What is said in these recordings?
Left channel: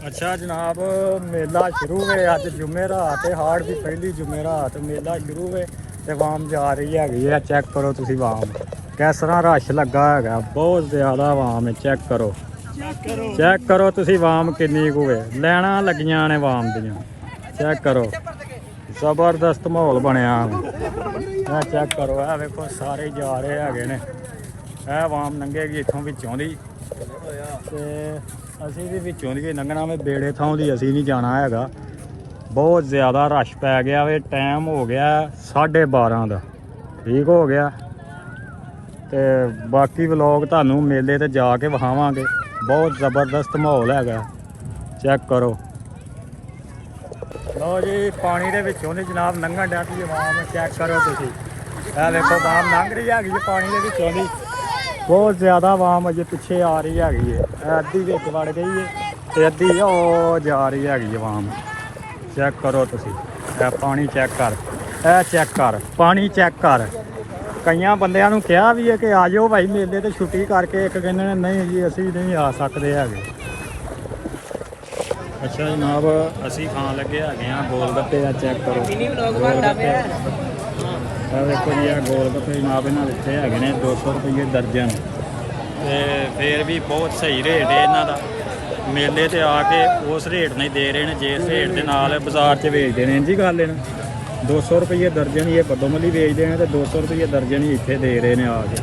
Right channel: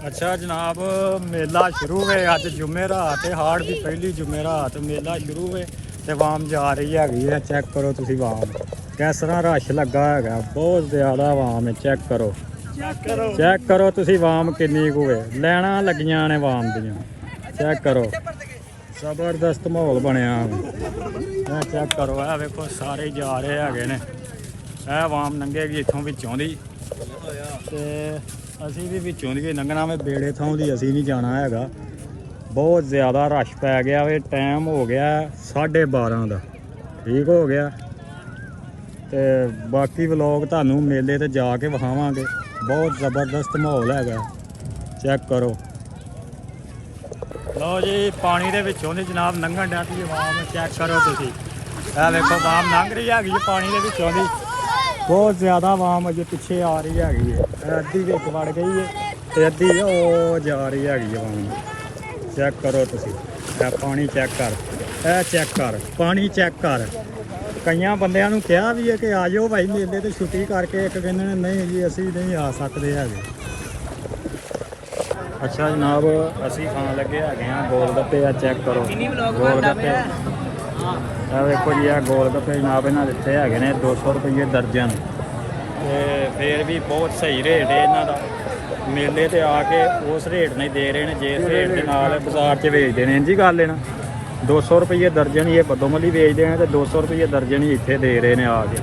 अच्छा जनाब मेला शुरू है अज जुमेरात है हाड़ की पहली जुमेरात मेला शुरू है तो वाम जा रही है चेक करो तुसी वाम किस तरह रश लगा है बहुत ज़्यादा वाम है चेक करो तुसी वाम किन्नी कु है लैना लगियां ने वाम दियां चेक करो जबरदस्त माहौल बनया चेक करो है वेखो सारे जा रहे है ਇਹ ਵਾਮ ਲੰਘੇਗੀ ਇੱਥੋਂ ਵਿੱਚੋਂ ਦੀ ਤੇ ਅਸੀਂ ਵੀ ਵਿੱਚੋਂ ਦੀ ਲੰਘਣਾ ਵੇ ਬੇੜੇ ਥਾਂ ਦੀ ਅਸੀਂ ਨਹੀਂ ਜਾਣਾ ਹੈਗਾ ਬਹੁਤ ਜ਼ਿਆਦਾ ਰਸ਼ ਪੈ ਗਿਆ ਵੇ ਟਾਈਮ ਹੋ ਗਿਆ 12:30 ਦਾ ਠੀਕ ਹੋ ਗਿਆ ਤੇ ਬਾਕੀ ਵਲੌਗ ਤੁਹਾਨੂੰ ਮੇਲੇ ਤੇ ਜਾ ਕੇ ਵਿਖਾਵਾਂਗੇ ਬਹੁਤ ਜ਼ਬਰਦਸਤ ਮਾਹੌਲ ਹੈਗਾ ਚੈੱਕ ਕਰੋ ਲਓ ਜੀ ਪਾਣੀ ਦੇ ਵਿੱਚੋਂ ਦੀ ਜਨਾਬ ਲੰਘਣ ਡਿਆ ਤੁਸੀਂ ਵਾਮ ਚੈੱਕ ਕਰੋ ਤੁਸੀਂ ਇਹ ਵੇਖੋ ਵਾਮ ਲੰਘ ਰਹੀ ਹੈਗੀ ਪਾਣੀ ਦੇ ਵਿੱਚੋਂ ਦੀ बहुत ज़्यादा वाम अजे पिछे आ रही है अद्धी विच बन गई है तो अद्धी ओ जा रही है वाम चेक करो तुसी पानी चेक कर पानी चेक कर कई बंदियां नूं कहा भी है कि आ जाओ भाई मेले तो छुट्टी करके एक कहते हैं नहीं जी असी नहीं आ सकते है अच्छा जनाब असी खान लगे है गोल गप्पे चेक करो गोल गप्पे देखो जी गोल गप्पे जनाब इन्होंने दिते है 200 रुपये दर्जन तो फिर भी बहुत सही रेट है इन्हों का मेले ते आके उस रेट नहीं दे रहे हैं जिस रेट के नाल बाजार च बेचते हैं जी गल है ना 200 रुपये दर्जन ही ये बद्दोमली बेचते हैं तो 200 रुपये दर्जन ही इतने दे रहे हैं आके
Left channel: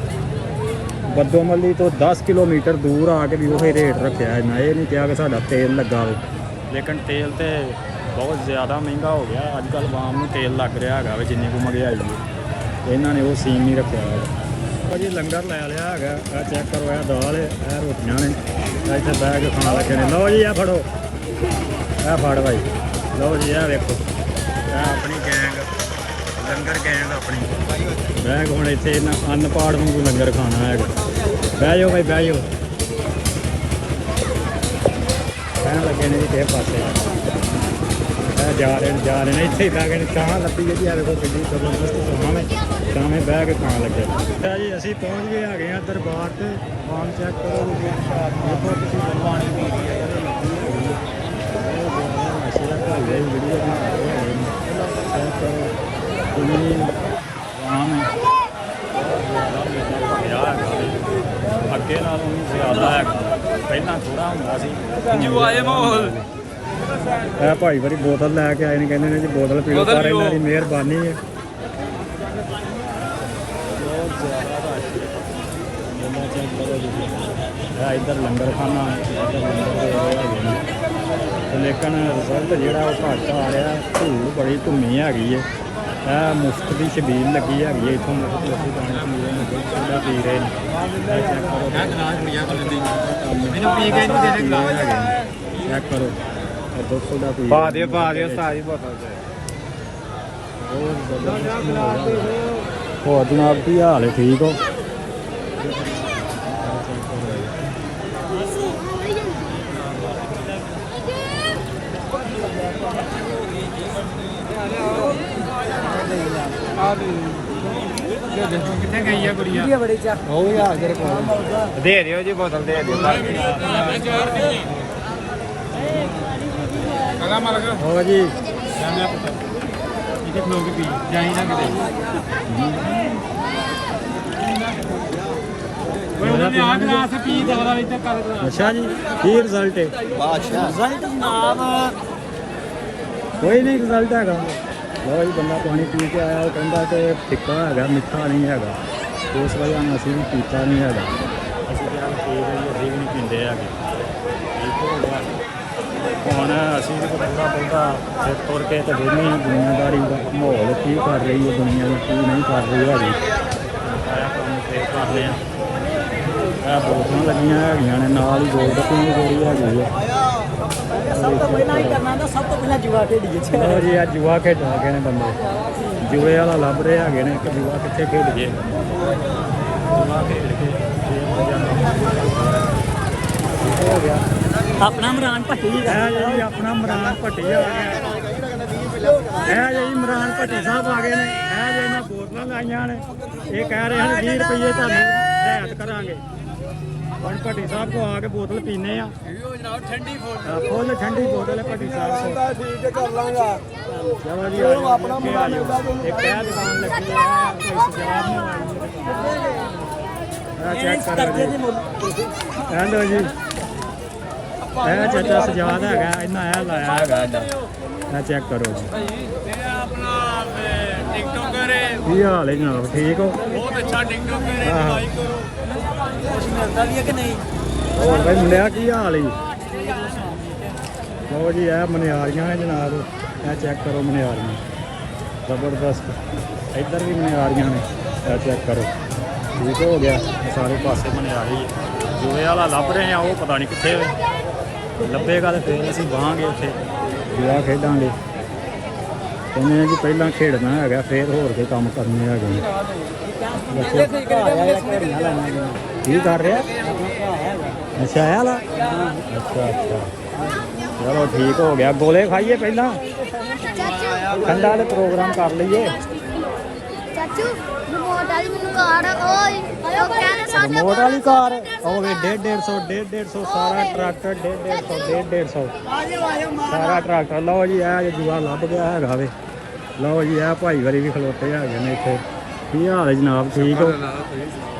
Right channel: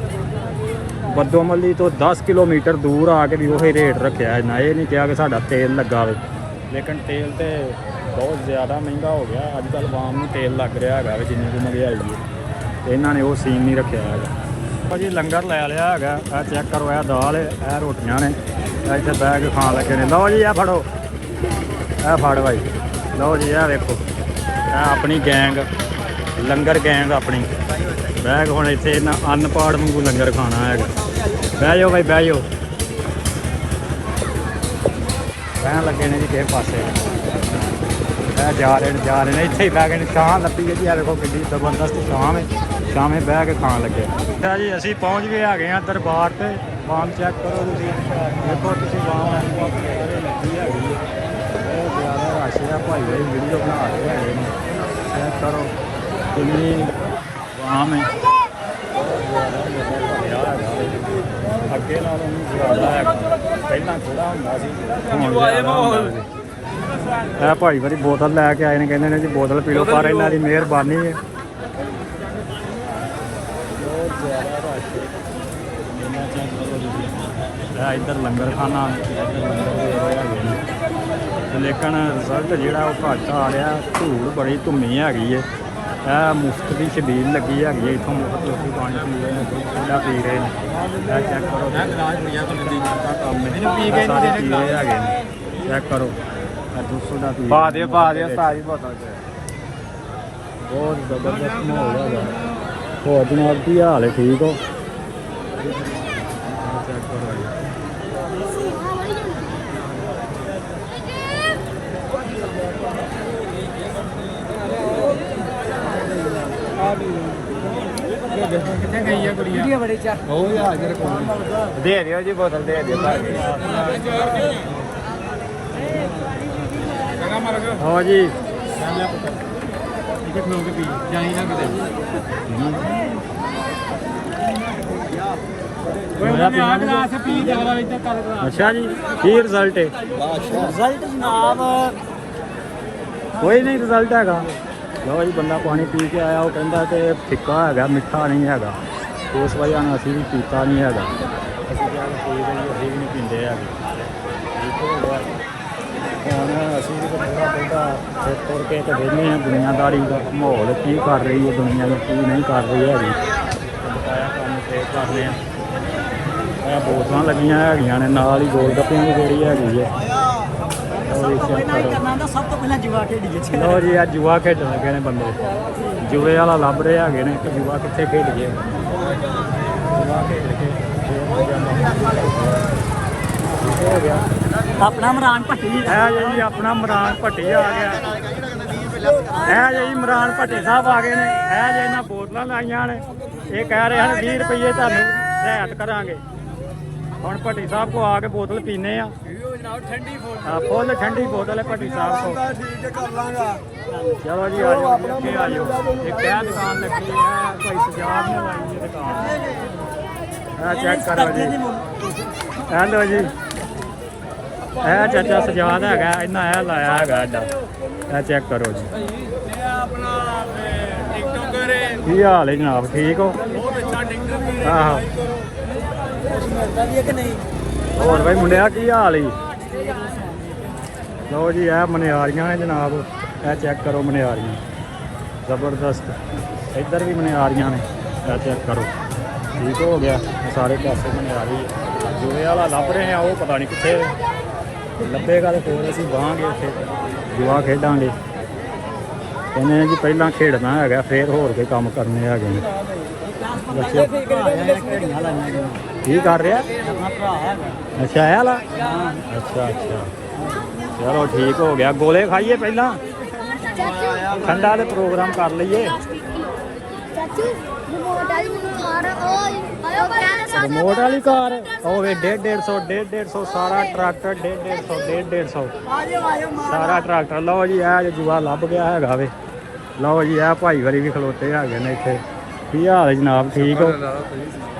बद्दोमली तो 10 किलोमीटर दूर आके भी वही रेट रखा है ना ये नहीं कहा कि साडा तेल लगा हो लेकिन तेल तो बहुत ज़्यादा महंगा हो गया अजकल वाम में तेल लग रहा है जिन्नी को महंगाई है इन्होंने वो सीन नहीं रखा है जी लंगर लै लिया है चेक करो यह दाल है रोटियां ने इतने बह के खान लगे ने लो जी फड़ो फड़ भाई लो जी देखो अपनी गैंग लंगर गैंग अपनी बैग हम इतने अन्न पाड़ वांगू लंगर खाना है बह जाओ भाई बह जाओ बहन लगे ने जी किस पासे जा रहे हैं इतने ही बह गए छां लभी है जी देखो कि जबरदस्त छां में बह के खान लगे जी असी पहुँच गए है दरबार से वाम चेक करो देखो तुम वाम भाई वीडियो बना रहे हैं चेक करो कितनी वाम है अगे नालों ज़्यादा है पहला थोड़ा होंगे भाई वारी बोतल लैके आए ने कहते हैं जी बोतल पी लो पर इन्हों की मेहरबानी है बहुत ज़्यादा रश इधर लंगर खाना लेकिन रिजल्ट जो घट आ रहा धूल बड़ी धुनी हैगी है मुफ्त की छबील लगी है इतों पानी पी रहे हैं चेक करो बहुत जबरदस्त माहौल है और जनाब की हाल है ठीक हो कितने गई है कुड़ियां दे दियो जी बोतल दे दियो हाँ जी अच्छा जी की रिजल्ट है रिजल्ट जनाब कोई नहीं रिजल्ट है बंदा पानी पी के आया वो कहता कि फिक्का है मिठा नहीं है तो उस वजह असी भी पीता नहीं है असी क्या ठीक है जी अभी भी नहीं पीते है ठीक हो गया ਹੁਣ ਅਸੀਂ ਵੀ ਥੋੜ੍ਹਾ ਬਹੁਤਾ ਫਿਰ ਤੁਰ ਕੇ ਤੇ ਵੇਖਦੇ ਹਾਂ ਦੁਨੀਆਦਾਰੀ ਦਾ ਮਾਹੌਲ ਕੀ ਕਰ ਰਹੀ ਹੈ ਦੁਨੀਆ ਕੀ ਨਹੀਂ ਕਰ ਰਹੀ ਹੈਗੀ ਬਕਾਇਆ ਕੰਮ ਫੇਰ ਕਰਨੇ ਆ ਇਹ ਬੋਤਲਾਂ ਲੱਗੀਆਂ ਹੈਗੀਆਂ ਨੇ ਨਾਲ ਹੀ ਗੋਲ ਗੱਪਿਆਂ ਦੀ ਜਿਹੜੀ ਹੈਗੀ ਹੈ ਲਓ ਜੀ ਆ ਜੂਆ ਖੇਡਣ ਲੱਗੇ ਨੇ ਬੰਦੇ ਜੂਏ ਵਾਲਾ ਲੱਭ ਰਹੇ ਹੈਗੇ ਨੇ ਕਿ ਜੂਆ ਕਿੱਥੇ ਖੇਡ ਗਏ ਜੂਆ ਖੇਡ ਕੇ ਹੋ ਗਿਆ अपना इमरान भट्टी है जी अपना इमरान भट्टी आ गया है जी इमरान भट्टी साहब आ गए हैं है जी इन्हें बोतल लाइया ने ये कह रहे हैं 20 रुपये तुहानू रियायत करांगे ਹੁਣ ਭੱਟੀ ਸਾਹਿਬ ਕੋ ਆ ਕੇ ਬੋਤਲ ਪੀਨੇ ਆ ਜਨਾਬ ਠੰਡੀ ਫੁੱਲ ਠੰਡੀ ਬੋਤਲ ਹੈ ਭੱਟੀ ਸਾਹਿਬ ਕੋ। ਚਲੋ ਜੀ ਆ ਜਾਓ ਆਪਣਾ ਆ ਜਾਓ। ਇੱਕ ਇਹ ਦੁਕਾਨ ਲੱਗੀ ਆ ਭਾਈ ਸਜਾਦ ਨੇ ਲਾਈ ਹੈ ਦੁਕਾਨ। ਆ ਚੈੱਕ ਕਰੋ ਜੀ, ਇਹ ਲਓ ਜੀ, ਇਹ ਚਾਚਾ ਸਜਾਦ ਹੈਗਾ, ਇਹਨਾਂ ਇਹ ਲਾਇਆ ਹੈਗਾ ਐਡਾ। ਇਹ ਚੈੱਕ ਕਰੋ ਜੀ। ਇਹ ਆਪਣਾ ਟਿਕਟੋਕਰ ਹੈ। ਕੀ ਹਾਲ ਹੈ ਜਨਾਬ, ਠੀਕ ਹੋ? ਬਹੁਤ ਅੱਛਾ ਟਿਕਟੋਕਰ ਹੈ। ਆਹੋ ਕੁਛ ਮਿਲਦਾ ਵੀ ਹੈ ਕਿ ਨਹੀਂ? ਹੋਰ ਭਾਈ ਮੁੰਡਿਆ ਕੀ ਹਾਲ ਹੈ? ਲਓ ਜੀ ਇਹ ਮਨਿਆਰੀਆਂ ਨੇ ਜਨਾਬ, ਇਹ ਚੈੱਕ ਕਰੋ ਮਨਿਆਰੀਆਂ ਜ਼ਬਰਦਸਤ। ਇੱਧਰ ਵੀ ਮਨਿਆਰੀਆਂ ਨੇ, ਇਹ ਚੈੱਕ ਕਰੋ। ਠੀਕ ਹੋ ਗਿਆ, ਸਾਰੇ ਪਾਸੇ ਮਨਿਆਰੀ ਹੈ। ਜੂਏ ਵਾਲਾ ਲੱਭ ਰਹੇ ਆ, ਉਹ ਪਤਾ ਨਹੀਂ ਕਿੱਥੇ ਲੱਭੇਗਾ ਤੇ ਫਿਰ ਅਸੀਂ ਬਾਹਾਂਗੇ ਉੱਥੇ ਜੂਆ ਖੇਡਾਂਗੇ। ਕਹਿੰਦੇ ਨੇ ਜੀ ਪਹਿਲਾਂ ਖੇਡਣਾ ਹੈਗਾ ਫਿਰ ਹੋਰ ਕੋਈ ਕੰਮ ਕਰਨੇ ਹੈਗੇ ਨੇ। ਬੱਚੇ ਕੀ ਕਰ ਰਿਹਾ? ਅੱਛਾ ਇਹ ਵਾਲਾ, ਅੱਛਾ ਅੱਛਾ ਚਲੋ ਠੀਕ ਹੋ ਗਿਆ। ਗੋਲੇ ਖਾਈਏ ਪਹਿਲਾਂ, ਠੰਡਾ ਦੇ ਪ੍ਰੋਗਰਾਮ ਕਰ ਲਈਏ। ਚਾਚੂ ਰਿਮੋਟ ਵਾਲੀ ਮੈਨੂੰ ਕਾਰ ਉਹ ਕਹਿੰਦੇ ਸਾਡੇ ਰਿਮੋਟ ਵਾਲੀ ਕਾਰ ਹੋਵੇ 150 ਸਾਰਾ ਟਰੈਕਟਰ 150 ਸਾਰਾ ਟਰੈਕਟਰ। ਲਓ ਜੀ ਇਹ ਜੂਆ ਲੱਭ ਗਿਆ ਹੈਗਾ ਵੇ। ਲਓ ਜੀ ਇਹ ਭਾਈ ਵਾਰੀ ਵੀ ਖਲੋਤੇ ਹੈਗੇ ਨੇ ਇੱਥੇ। ਕੀ ਹਾਲ ਹੈ ਜਨਾਬ, ਠੀਕ ਹੋ?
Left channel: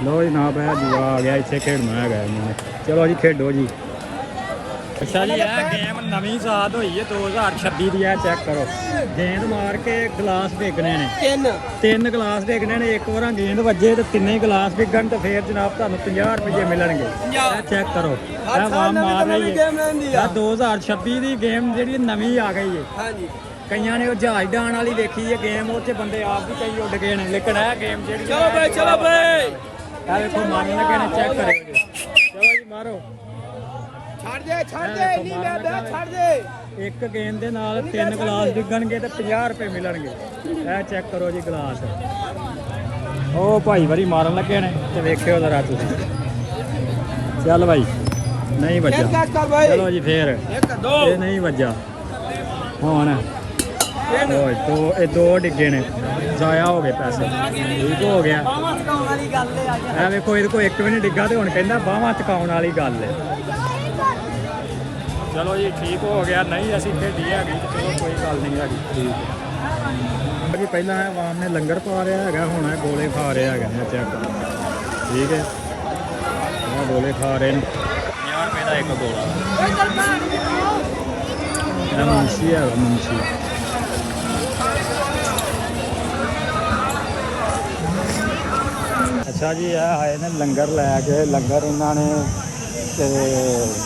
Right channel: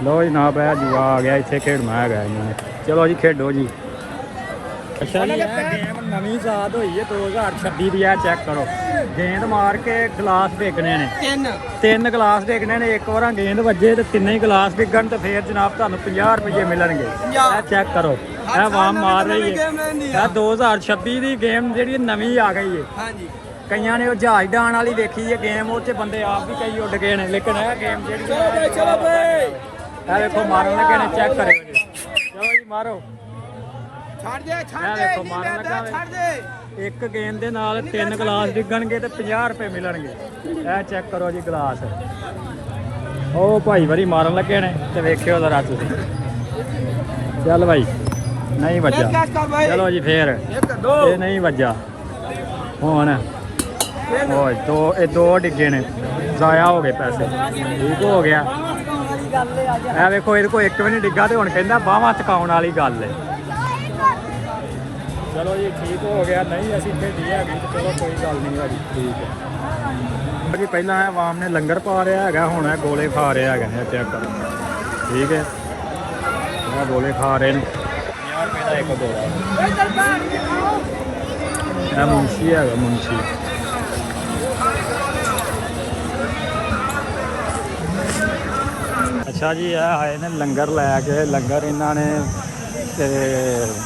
ਲਓ ਜਨਾਬ ਇਹ ਜੂਆ ਆ ਗਿਆ, ਇੱਥੇ ਖੇਡਣਾ ਹੈਗਾ ਇਹਨਾਂ ਨੇ। ਚਲੋ ਜੀ ਖੇਡੋ ਜੀ। ਅੱਛਾ ਜੀ ਇਹ ਗੇਮ ਨਵੀਂ ਆਜ਼ਾਦ ਹੋਈ ਹੈ 2026 ਦੀ। ਇਹ ਚੈੱਕ ਕਰੋ, ਗੇਂਦ ਮਾਰ ਕੇ ਗਲਾਸ ਡਿੱਗਣੇ ਨੇ, ਤਿੰਨ ਗਲਾਸ ਡਿੱਗਣੇ ਨੇ। ਇੱਕ ਵਾਰਾਂ ਗੇਂਦ ਵੱਜੇ ਤੇ ਤਿੰਨੇ ਹੀ ਗਲਾਸ ਡਿੱਗਣ ਤੇ ਫਿਰ ਜਨਾਬ ਤੁਹਾਨੂੰ 50 ਰੁਪਏ ਮਿਲਣਗੇ। ਇਹ ਚੈੱਕ ਕਰੋ, ਇਹ ਵਾਮ ਮਾਰ ਰਹੀ ਹੈ। ਇਹ 2026 ਦੀ ਗੇਮ ਜਿਹੜੀ ਨਵੀਂ ਆ ਗਈ ਹੈ। ਕਈਆਂ ਨੇ ਉਹ ਜਹਾਜ਼ ਡਾਣ ਵਾਲੀ ਦੇਖੀ ਹੈ ਗੇਮ, ਉਹ 'ਚ ਬੰਦੇ ਆਪ ਵੀ ਕਈ ਉੱਡ ਗਏ ਨੇ, ਲੇਕਿਨ ਇਹ ਗੇਮ ਜਿਹੜੀ ਚਲੋ ਬਈ ਇਹ ਵੇਖੋ ਮਾਰਨ ਲੱਗੇ ਨੇ। ਚੈੱਕ ਕਰਿਓ ਜੀ, ਚਲੋ ਜੀ ਮਾਰੋ। ਇਹ ਦੇਖੋ ਮਾਰਨ ਲੱਗਾ ਵੇ। ਇੱਕ ਗੇਂਦ ਦੇ ਨਾਲ ਤਿੰਨ ਗਲਾਸ ਡਿੱਗਣਗੇ ਤੇ 50 ਰੁਪਏ ਮਿਲਣਗੇ। ਇਹ ਚੈੱਕ ਕਰੋ ਜੀ ਗਲਾਸ। ਉਹ ਭਾਈ ਵਾਰੀ ਮਾਰਨ ਲੱਗੇ ਨੇ ਤੇ ਵੇਖਿਓ ਜ਼ਰਾ ਤੁਸੀਂ। ਚੱਲ ਭਾਈ ਨਹੀਂ ਵੱਜਾ। ਚਲੋ ਜੀ ਫੇਰ ਇਹ ਨਹੀਂ ਵੱਜਾ। ਹੁਣ ਇਹ ਦੋ ਡਿੱਗੇ ਨੇ, ਜ਼ਾਇਆ ਹੋ ਗਏ ਪੈਸੇ। ਠੀਕ ਹੋ ਗਿਆ। ਇਹ ਵੇਖੋ ਇਹਦੇ ਕੋਲ ਇੱਕ ਵੀ ਨਹੀਂ ਡਿੱਗਾ ਤੇ ਹੁਣ ਕਹਿੰਦਾ ਬਾਹਾਂ ਚਕਾਉਣ ਵਾਲੀ ਗੱਲ ਹੈ। ਚਲੋ ਜੀ ਠੀਕ ਹੋ ਗਿਆ। ਨਹੀਂ ਅਸੀਂ ਖੇਡੀ ਹੈਗੀ ਤੇ ਚਲੋ ਕੋਈ ਗੱਲ ਨਹੀਂ ਹੈਗੀ। ਠੀਕ ਹੈ ਜੀ। ਪਹਿਲਾਂ ਇਹ ਆਵਾਮ ਨੇ ਲੰਗਰ ਪਾ ਰਿਹਾ ਹੈਗਾ, ਹੁਣ ਇਹ ਗੋਲੇ ਖਾ ਰਿਹਾ ਹੈਗਾ ਨੇ। ਚੈੱਕ ਕਰੋ, ਠੀਕ ਹੈ। ਇਹ ਗੋਲੇ ਖਾ ਰਹੇ ਨੇ, 50 ਰੁਪਏ ਦਾ ਇੱਕ ਗੋਲਾ। ਇਹ ਮੁੰਸ਼ੀ ਹੈਗਾ, ਮੁੰਸ਼ੀ। ਅੱਛਾ ਜੀ ਇਹ ਆਏ ਨੇ ਲੰਗਰ ਲੈ ਕੇ। ਲੰਗਰ ਇਹਨਾਂ ਨੇ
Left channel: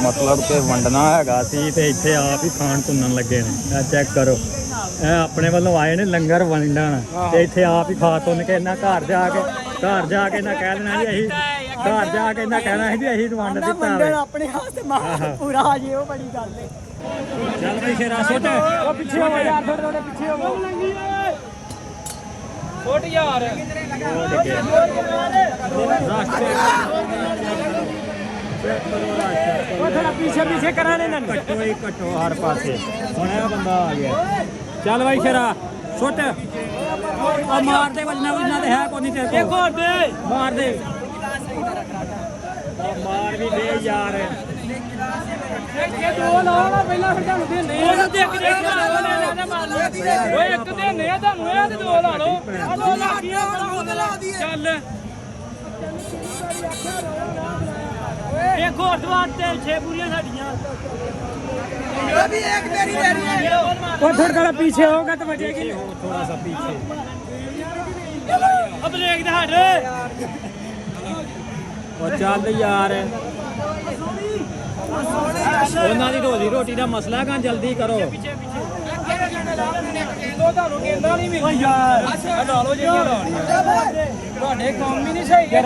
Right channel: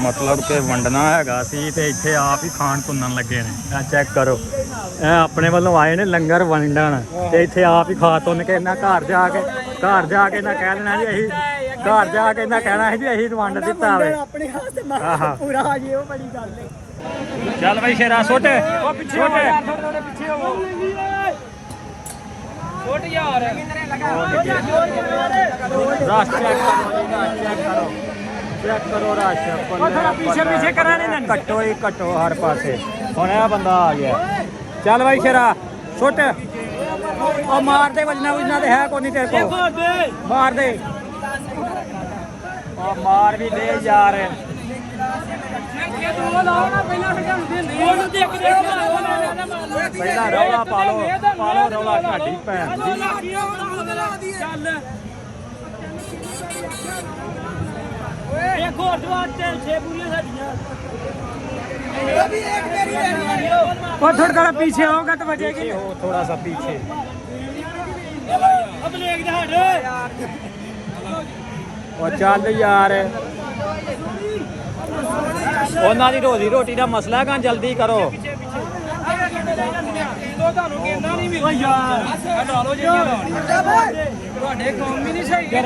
ਮਤਲਬ ਕਿ ਵੰਡਣਾ ਹੈਗਾ ਸੀ ਤੇ ਇੱਥੇ ਆਪ ਹੀ ਖਾਣ ਤੁੰਨਣ ਲੱਗੇ ਨੇ। ਇਹ ਚੈੱਕ ਕਰੋ, ਇਹ ਆਪਣੇ ਵੱਲੋਂ ਆਏ ਨੇ ਲੰਗਰ ਵੰਡਣ ਤੇ ਇੱਥੇ ਆਪ ਹੀ ਖਾ ਤੁੰਨ ਕੇ ਇਹਨਾਂ ਘਰ ਜਾ ਕੇ ਇਹਨਾਂ ਕਹਿ ਦੇਣਾ ਜੀ ਅਸੀਂ ਘਰ ਜਾ ਕੇ ਇਹਨਾਂ ਕਹਿਣਾ ਸੀ ਵੀ ਅਸੀਂ ਵੰਡ ਦਿੱਤਾ ਵੇ। ਆਪਣੇ ਹੱਥ ਮਾਰ ਪੂਰਾ ਆ ਜੇ, ਉਹ ਬੜੀ ਗੱਲ ਹੈ। ਚੱਲ ਬਈ ਸ਼ੇਰਾ ਸੁੱਟ ਸੁੱਟ ਛੋਟ ਯਾਰ ਰਾਸ਼ ਚੈੱਕ ਕਰੋ ਰਾਸ਼ ਪਿੱਛੇ ਕਰਨੇ ਨੇ। ਕੱਟੋ ਹੀ ਕੱਟੋ ਹਰ ਪਾਸੇ। ਹੁਣ ਇਹ ਬੰਦਾ ਆ ਗਿਆ। ਚੱਲ ਬਾਈ ਸ਼ੇਰਾ ਸੁੱਟ। ਉਹ ਮਾਰ ਦੇ ਵੱਜਣਾ ਤੇ ਹੈ ਕੋਈ ਨਹੀਂ ਤੇਰੇ ਕੋਲ। ਮਾਰ ਦੇ, ਮਾਰ ਵੀ ਦੇ ਯਾਰ। ਪਹਿਲਾਂ ਰੌਲਾ ਪਾ ਲਓ ਰੌਲਾ ਘਾਟੀ ਭੈਣ। ਚੱਲ ਇੱਕ ਹੋਰ ਦਵਾਰ ਤੇ 6 ਪੂਰੀਆਂ ਸਾਡੀਆਂ। थोड़ा पीछे होगा तो बचेगी। हो थोड़ा सा पीछे। अब लेग दे हट रे। और चल यार ਉਹਨਾਂ ਦੀ ਰੋਟੀ ਦਾ ਮਸਲਾ ਹੈ, ਜਲਦੀ ਕਰੋ। ਤੁਹਾਡੇ ਕੰਮ ਹੀ ਨਹੀਂ ਸਹੀ ਹੈ।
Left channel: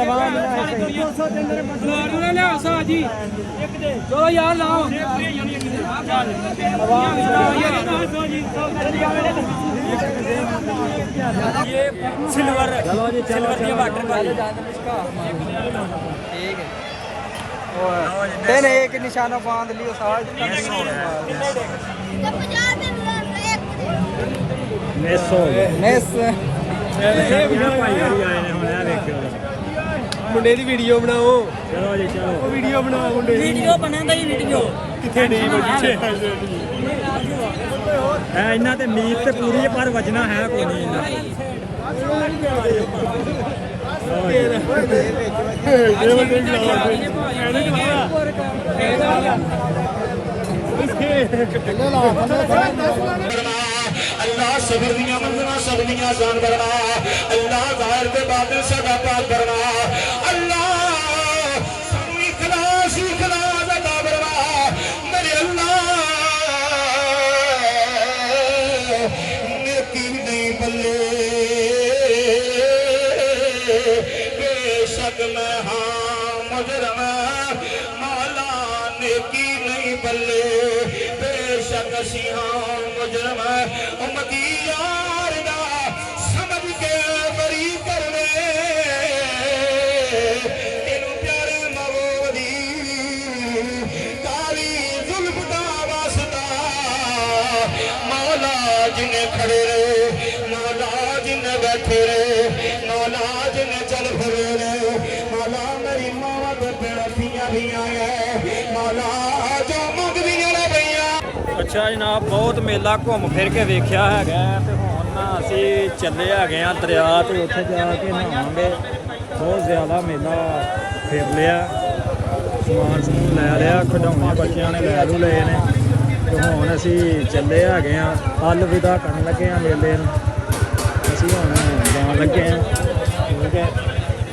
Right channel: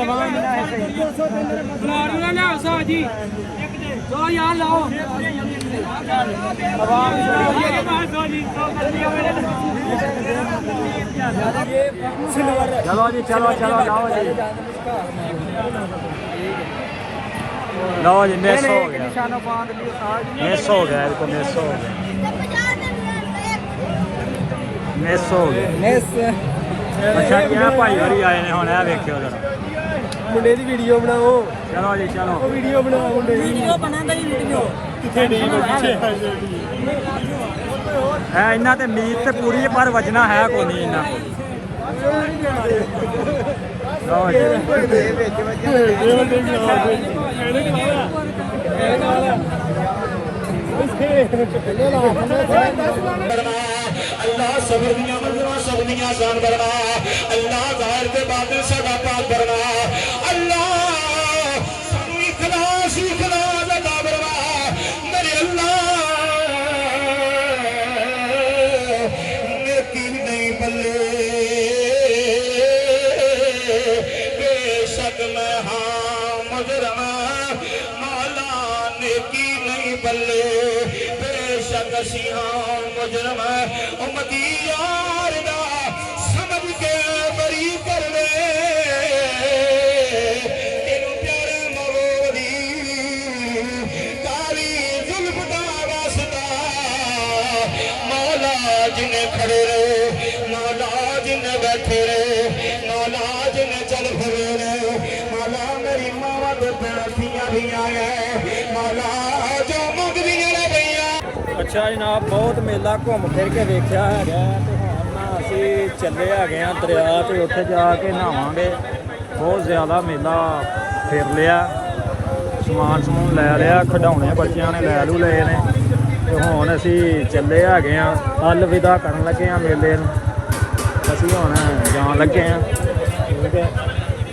ਚਲੋ ਯਾਰ ਲਾਓ। ਚਲੋ ਜੀ ਚਲੋ ਲਓ ਜੀ ਮਿਸ ਹੋ ਗਿਆ। ਨਿਸ਼ਾਨਾ ਪਾਉਣ ਦੇ ਲਈ ਮਿਸ ਹੋ ਗਿਆ ਇਹको मिस हो ਮਿਸ ਅੱਛਾ ਜੀ ਭਾਈ ਵਾਰੀ ਆਏ ਨੇ ਹੁਣ ਇਹ ਵੇਖਿਓ ਜਰਾ। ਮੁੰਡੇ ਦੀ ਵੀਡੀਓ ਬਣਾਓ। ਚਲੋ ਜੀ ਚਲੋ। ਉਹ ਵੀਡੀਓ ਬਣਾਓ ਮੁੰਡੇ ਦੀ। ਵੀਡੀਓ ਬਣਾਉਂਦਾ ਹੀ ਵੀਡੀਓ ਕਿੱਥੇ ਡੀ ਪਿੱਛੇ ਹੈ ਇਹਨਾਂ ਤੇ ਮੀਟ ਤੇ ਪੂਰੀ ਹੈ ਪਰ ਵਜਣਾ ਹੈ ਕੋਈ ਨਹੀਂ ਇਹਨਾਂ ਕੋਲ। अल्लाह सबर दियां मंजिलां सब दियां जान करना अल्लाह जाहिर दे बातिल सदा पाक करना अल्लाह सानू इखलास अता करना मेरे अल्लाह नेकी नहीं बल्ले बेशक मैं हाँ मुजरम मौला नेकी नहीं बल्ले बेशक असी हाँ मुजरम उम्मती यार दा समझ के बरी कर ले तेनू प्यारे मवोदी काली जुल्फ दा वास्ता मौला जिन्हें खड़े रहे मौला जिन्हें बैठे रहे मौला जिन्हें चल फिरे रहे मौला मेरी मावा तो बैठियां भी आए मौला जो मंगदियां ने भैया। ਅੱਛਾ ਜਨਾਬ ਬਹੁਤ ਮੇਲਾ ਘੁੰਮ ਫਿਰ ਕੇ ਵੇਖਿਆ ਹੈਗਾ ਤੇ ਹੁਣ ਨਾ ਅਸੀਂ ਚੱਲੇ ਹੈਗੇ ਆ ਦਰਿਆ ਤੇ ਉੱਥੇ ਜਾ ਕੇ ਨਹਾਵਾਂਗੇ। ਬਹੁਤ ਜ਼ਿਆਦਾ ਮੇਲਾ ਫਿਰ ਲਿਆ ਸਮਾਨ ਸਮੂਨ ਲੈ ਲਿਆ ਖਿਡੌਣੇ ਬੱਚਿਆਂ ਨੇ ਲੈ ਲਏ ਨੇ ਤੇ ਹੁਣ ਅਸੀਂ ਚੱਲੇ ਹੈਗੇ ਆ ਅਲਵਿਦਾ ਕਰਨ ਲੱਗੇ ਆ ਮੇਲੇ ਨੂੰ। ਅਸੀਂ ਹੁਣ ਜਾਣ ਲੱਗੇ ਆ ਠੀਕ ਹੈ।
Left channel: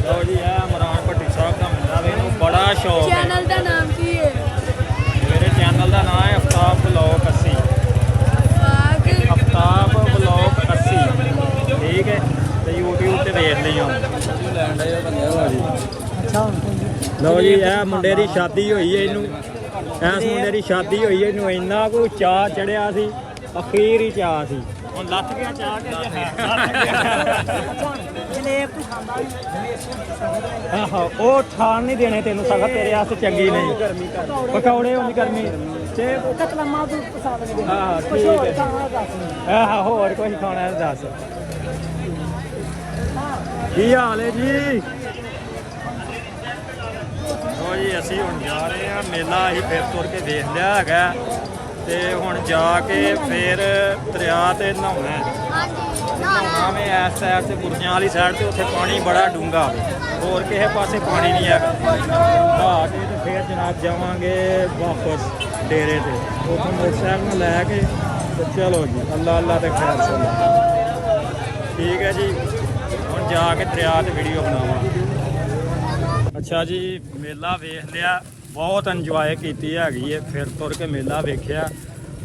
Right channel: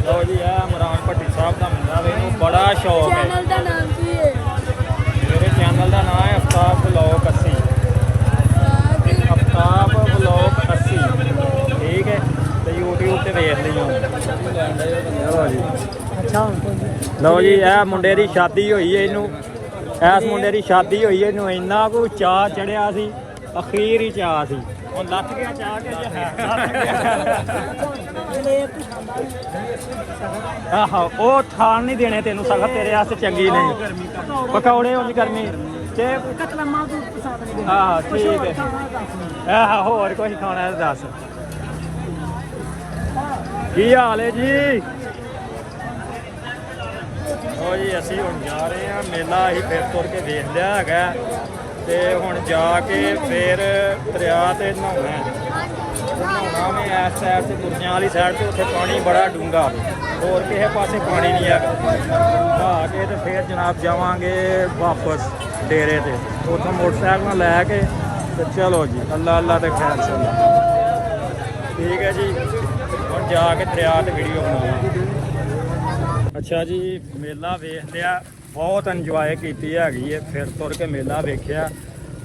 ਲਓ ਜੀ ਇਹ ਇਮਰਾਨ ਭੱਟੀ ਸਾਹਿਬ ਦਾ ਮੇਲਾ ਵੇ ਇਹਨੂੰ ਬੜਾ ਸ਼ੌਕ ਹੈ। ਚੈਨਲ ਦਾ ਨਾਮ ਕੀ ਹੈ? ਮੇਰੇ ਚੈਨਲ ਦਾ ਨਾਮ ਹੈ ਅਫਤਾਬ ਵਲੌਗ 80 ਅਫਤਾਬ ਵਲੌਗ 80 ਠੀਕ ਹੈ ਤੇ YouTube ਤੇ ਵੇਖ ਲਈਓ। ਲਓ ਜੀ ਇਹ ਮੁੰਡੇ ਦੀ ਸ਼ਾਦੀ ਹੋਈ ਹੈ ਇਹਨੂੰ ਇਸ ਮੁੰਡੇ ਦੀ ਸ਼ਾਦੀ ਹੋਈ ਹੈ ਇਹਨੂੰ ਇੰਨਾ ਕੁ ਚਾਅ ਚੜਿਆ ਸੀ ਅਖੀਰ ਹੀ ਚਾਅ ਸੀ ਹੁਣ ਲੱਥ ਗਿਆ ਚਾਅ ਕੇ ਜੇ ਹੈ ਆਹੋ ਉਹ ਥਾਣ ਨਹੀਂ ਦੇਣੇ ਤੈਨੂੰ ਸਗੋਂ ਤੇਰੇ ਵਾਸਤੇ ਚੰਗੀ ਨਹੀਂ ਪਕੌੜੇ ਹੋਣੀ ਕਰਨੀ ਤੇ ਹਾਂ ਠੀਕ ਹੈ ਆਹ ਹੋਰ ਕੋਈ ਖਾਣਾ ਦੱਸ ਕੀ ਹਾਲ ਹੈ ਜੀ। ਲਓ ਜੀ ਅਸੀਂ ਹੁਣ ਜਾ ਰਹੇ ਹਾਂ ਮੇਲਾ ਅਸੀਂ ਫਿਰ ਤੁਰ ਕੇ ਦੇਖ ਲਿਆ ਹੈਗਾ ਤੇ ਹੁਣ ਜਾ ਕੇ ਫਿਰ ਦਰਿਆ ਤੇ ਨਹਾਉਣਾ ਹੈ। ਨਹਾਉਣਾ ਮੈਂ ਇਸ ਸਾਈਡ ਤੇ ਬੁਰਜਿਆਂ ਵਾਲੀ ਸਾਈਡ ਤੇ ਉੱਥੇ ਪਾਣੀ ਬੜਾ ਡੂੰਘਾ ਹੋਰ ਕਿਸੇ ਪਾਸੇ ਪਾਣੀ ਨਹੀਂ ਹੈਗਾ। ਨਹਾ ਕੇ ਤੇ ਫਿਰ ਜਨਾਬ ਜਾਵਾਂਗੇ ਵਾਪਸ ਡੇਰੇ ਤੇ ਉੱਥੋਂ ਮੋਟਰਸਾਈਕਲ ਨਾਲ ਲੈ ਕੇ ਤੇ ਚਲੋ ਜੀ ਅੱਲਾ ਅੱਲਾ ਤੇ ਖੈਰ ਸੋ ਠੀਕ ਹੈ ਜੀ। ਹੁਣ ਜਾ ਕੇ ਦਰਿਆ ਤੇ ਵੀਡੀਓ ਬਣਾਵਾਂਗੇ। ਅੱਛਾ ਜੀ ਮੇਲਾ ਵੇਖ ਲਿਆ ਬਹੁਤ ਇੰਜੋਏ ਕੀਤੀ ਹੈਗੀ ਹੈ ਫਿਰ ਤੁਰ ਕੇ ਮੇਲਾ ਵੇਖਿਆ।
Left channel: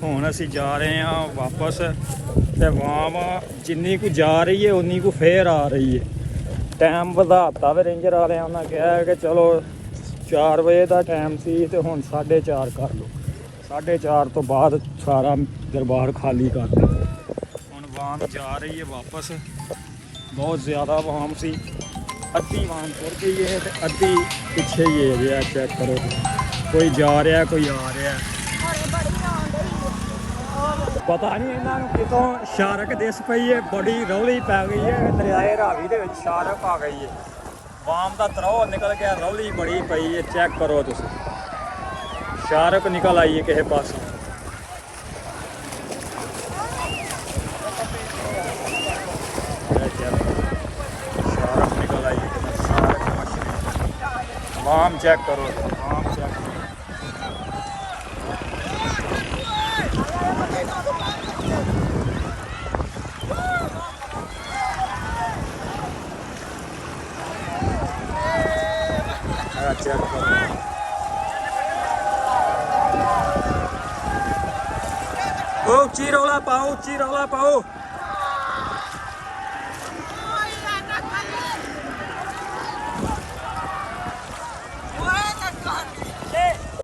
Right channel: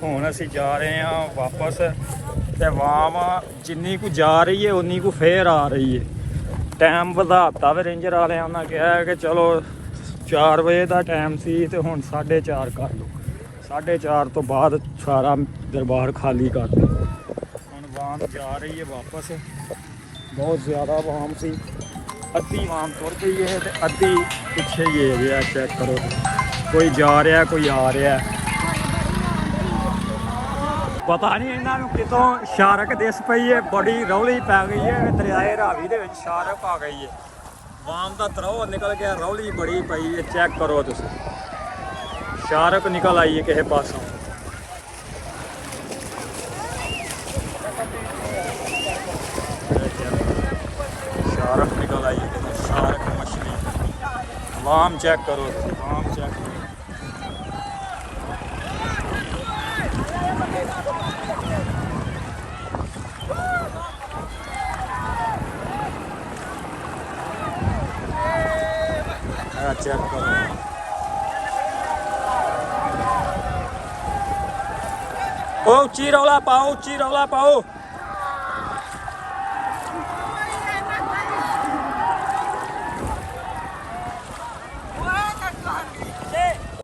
ਹੁਣ ਅਸੀਂ ਜਾ ਰਹੇ ਹਾਂ ਵਾਪਸ ਤੇ ਵਾਮ ਜਿੰਨੀ ਕੁ ਜਾ ਰਹੀ ਹੈ ਉਨੀ ਕੁ ਫੇਰ ਆ ਰਹੀ ਹੈ। ਟਾਈਮ ਵਧਾਤਾ ਵੇ ਰੇਂਜਰ ਵਾਲਿਆਂ ਉਹਨਾਂ ਕਿਹਾ ਕਿ ਚਲੋ 4 ਵਜੇ ਦਾ ਟਾਈਮ ਸੀ ਤੇ ਹੁਣ 4:30 ਕਰ ਲਓ। 4:30 ਤੋਂ ਬਾਅਦ ਸਾਰਾ ਦਰਬਾਰ ਖਾਲੀ ਕਰ ਦਿਓ। ਹੁਣ ਵਾਮ ਜਾ ਰਹੀ ਹੈ ਵਾਪਸ ਬਹੁਤ ਜ਼ਿਆਦਾ ਵਾਮ ਸੀ ਅੱਧੀ ਵਾਮ ਤੁਰ ਗਈ ਹੈ ਤੇ ਅੱਧੀ ਪਿੱਛੇ ਹੀ ਹੈ ਰਿਹਾ ਚੈੱਕ ਕਰੋ ਕੋਈ ਜਾ ਰਿਹਾ ਕੋਈ ਆ ਰਿਹਾ ਪਤਾ ਨਹੀਂ ਇਹਨਾਂ ਨੂੰ ਕਿਤੋਂ ਸ਼ਾਰਕ ਦਿਸ ਪਈ ਹੈ ਬੜੀ ਰੌਲੀ ਪੈ ਗਈ ਹੈ ਦਰਿਆਏ ਰਾਵੀ ਦੇ ਵਿੱਚ ਸ਼ਾਰਕ ਆ ਗਈ ਹੈ ਵਾਮ ਦਾ ਤਰੋ ਨਿਕਲ ਗਿਆ ਰੌਲੀ ਬੜੀ ਪਈ ਹੈ ਚੈੱਕ ਕਰੋ ਤੁਸੀਂ ਸ਼ਾਰਕ ਨਿਕਲ ਆਈ ਹੈ ਕਿਸੇ ਪਾਸੋਂ वाम चेक करो वाम चेक करो उच्ची रौला पाओ